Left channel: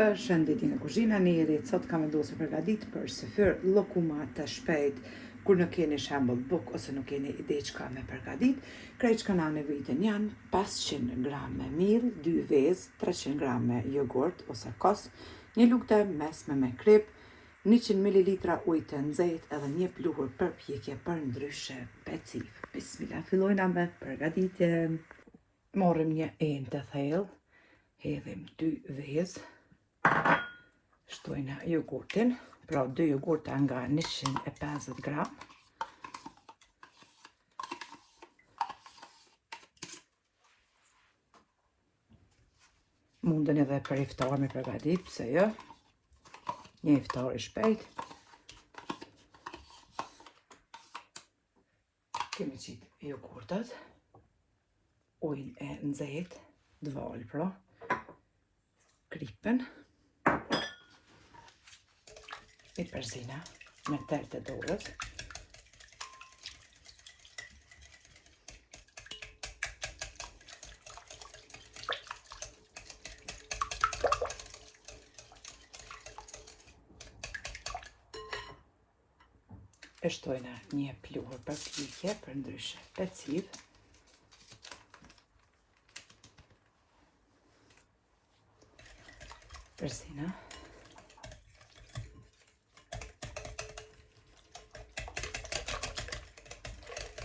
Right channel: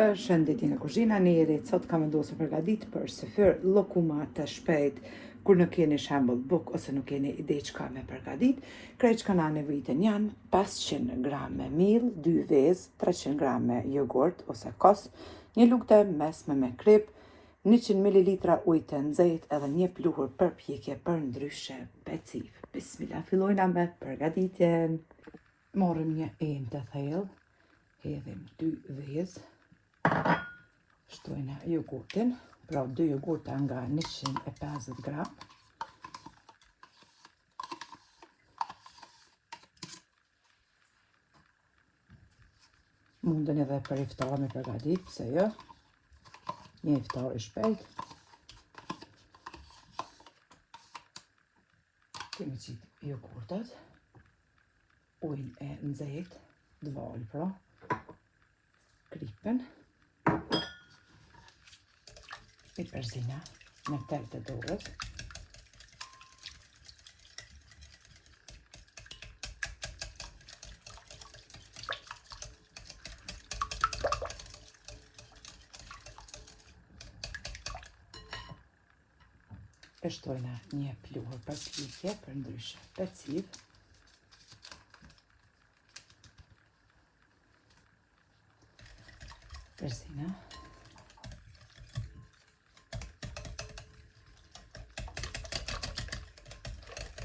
Përshëndetje në kuzhina, ne jeri sot kam vendosur përgatit për syfyr llokuma të shpejt kur nuk keni shembull buk ose nuk keni ide çka me përgatit. Krejt që kanë nevojitën janë 500 gram miell, 2 vezë, 300 gram jogurt ose kos, një lugë mesme me krip, 100 ml ujë të nxehtë edhe një pluhur përpjekje për ndryshe peciv. Bismillah, fillojna me përgatitjen. Morrim një enë të thellë, hedhim 2 vezë. Shtojna jogurtin, pra 2 jogurta nga 150 gram. Mundën edhe për iftar me përgatit, pse jo? Një iftar i shpejt. Kemi qitë jogurtat, ujin e nxehtë, dval pra, kripen, i përzina me tërë të dorës. E shtojna një pluhur përpjekje për ndryshe peciv. Përzina.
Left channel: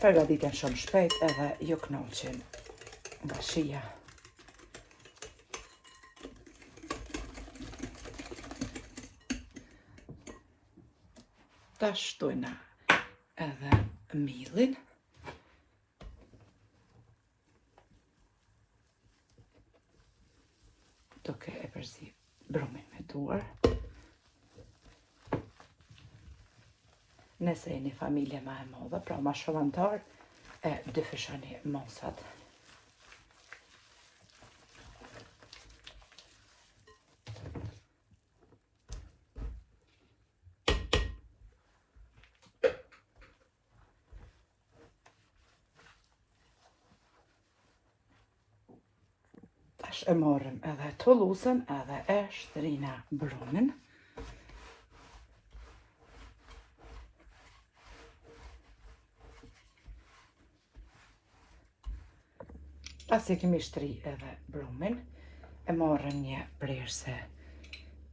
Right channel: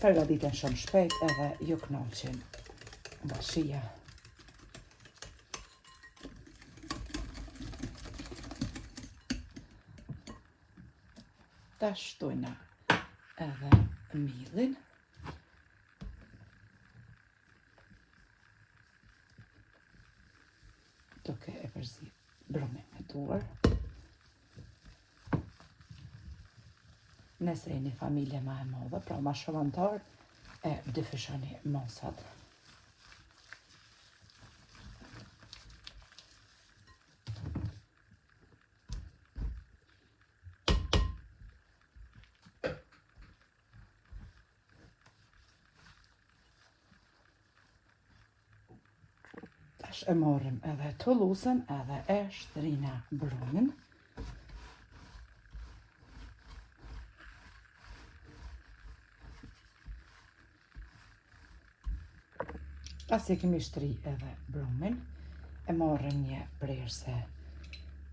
Përgatiten shumë shpejt edhe ju knoqen nga shija. Ta shtojna edhe miellin. Duke e përzi brumin me duar. Nëse e një familje ma e modhe, pra ma shëllantar, e dyfishoni mosat. Tash e morrim edhe tullusën edhe e shtrina brumin. Pasi kemi shtri edhe brumin, e morëm një prerse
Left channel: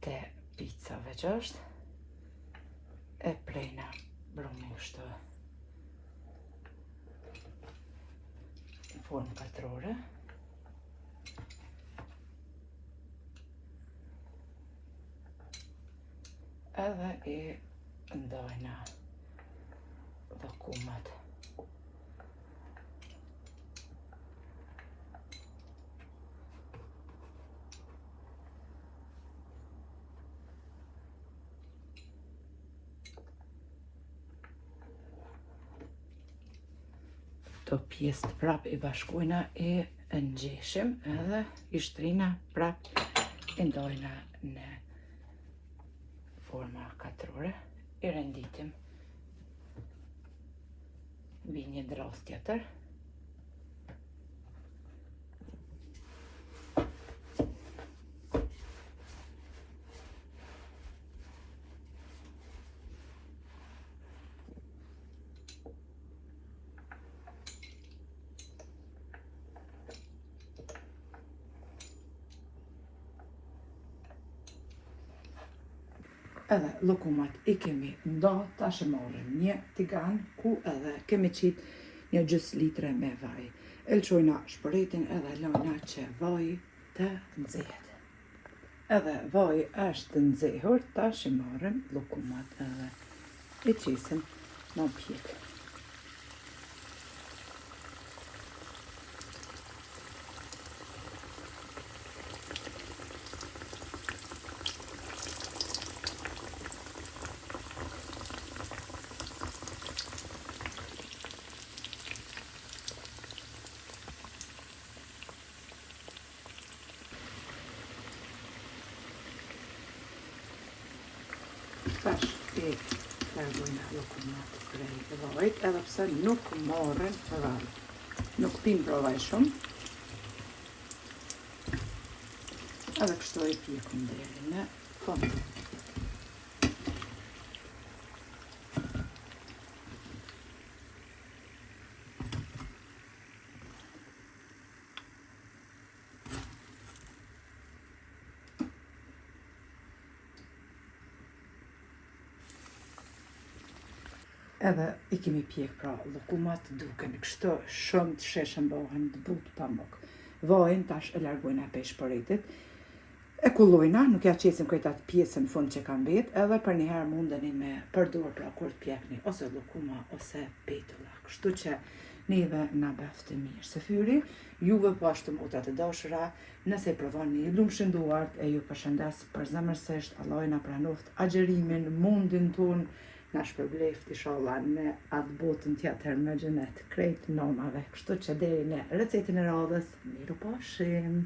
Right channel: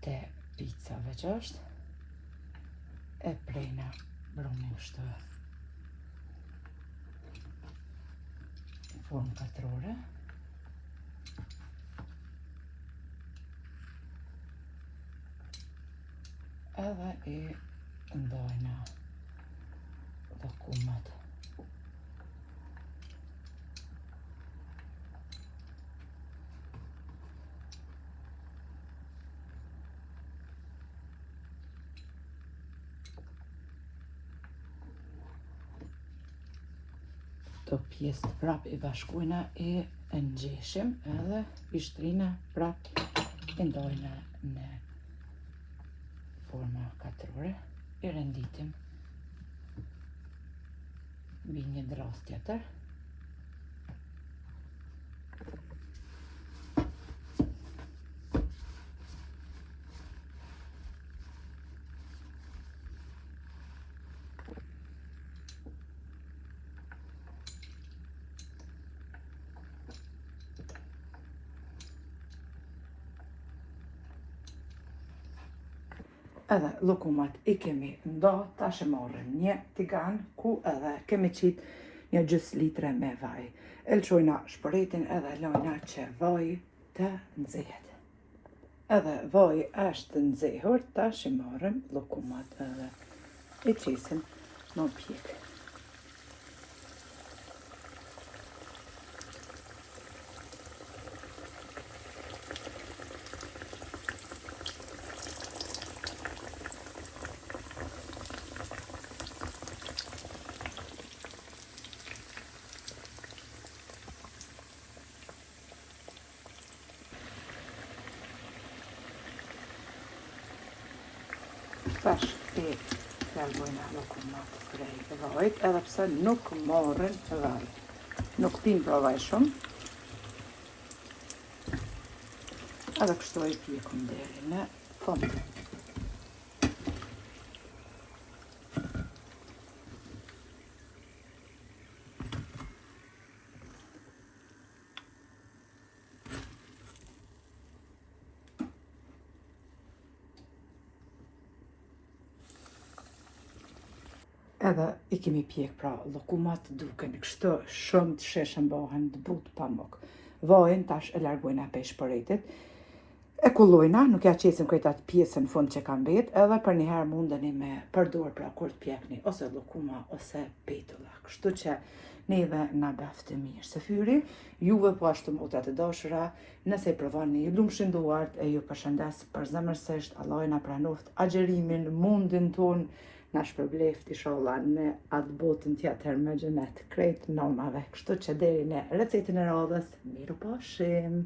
të picave që është, e prejna brumin kështu në formë katrore. Edhe i ndajna llokumat. Këto pjesë prap i bashkojna e ngjeshim edhe i shtrina prap i ndajna në forma katrore, i renditim mbi një dras tjetër. Edhe llokumat i kemi nda, tash e marrim një tigan ku edhe kemi qit një gjys litre me vaj. E lçojna shpëretin edhe lojna që vaj të nxehet. Edhe vaj është të nxehur, tash i marrim llokumat edhe i qisim në pjek. Tash i largojna llokumat prej vajit, edhe pse nuk morrin vaj. Nuk pim pra vaj shumë. Edhe kështu e pjekum deri në fund. Edhe I kemi pjek pra llokumat duken kështu shumë të sheshën bëhen të butë pamuk. Vojnë tash e largojna peshpëritit. E kullojna, nuk ja qesim këta pjesën fund që kanë vet, edhe për një herë mundeni me përdor pra kur të pjekni ose llokuma ose petulla. Kështu që neve na baftë mirë së fyri, juve po ashtu motra të dashura, nëse provoni ju lumshin duart e ju përshëndes përzemërsisht, Allah na pranoft agjerimin, mundin ton, na shpërbleft inshallah në atë botën tjetër me xhenet krejt nomave. Kështu që deri në recetën e radhës, miru pashim.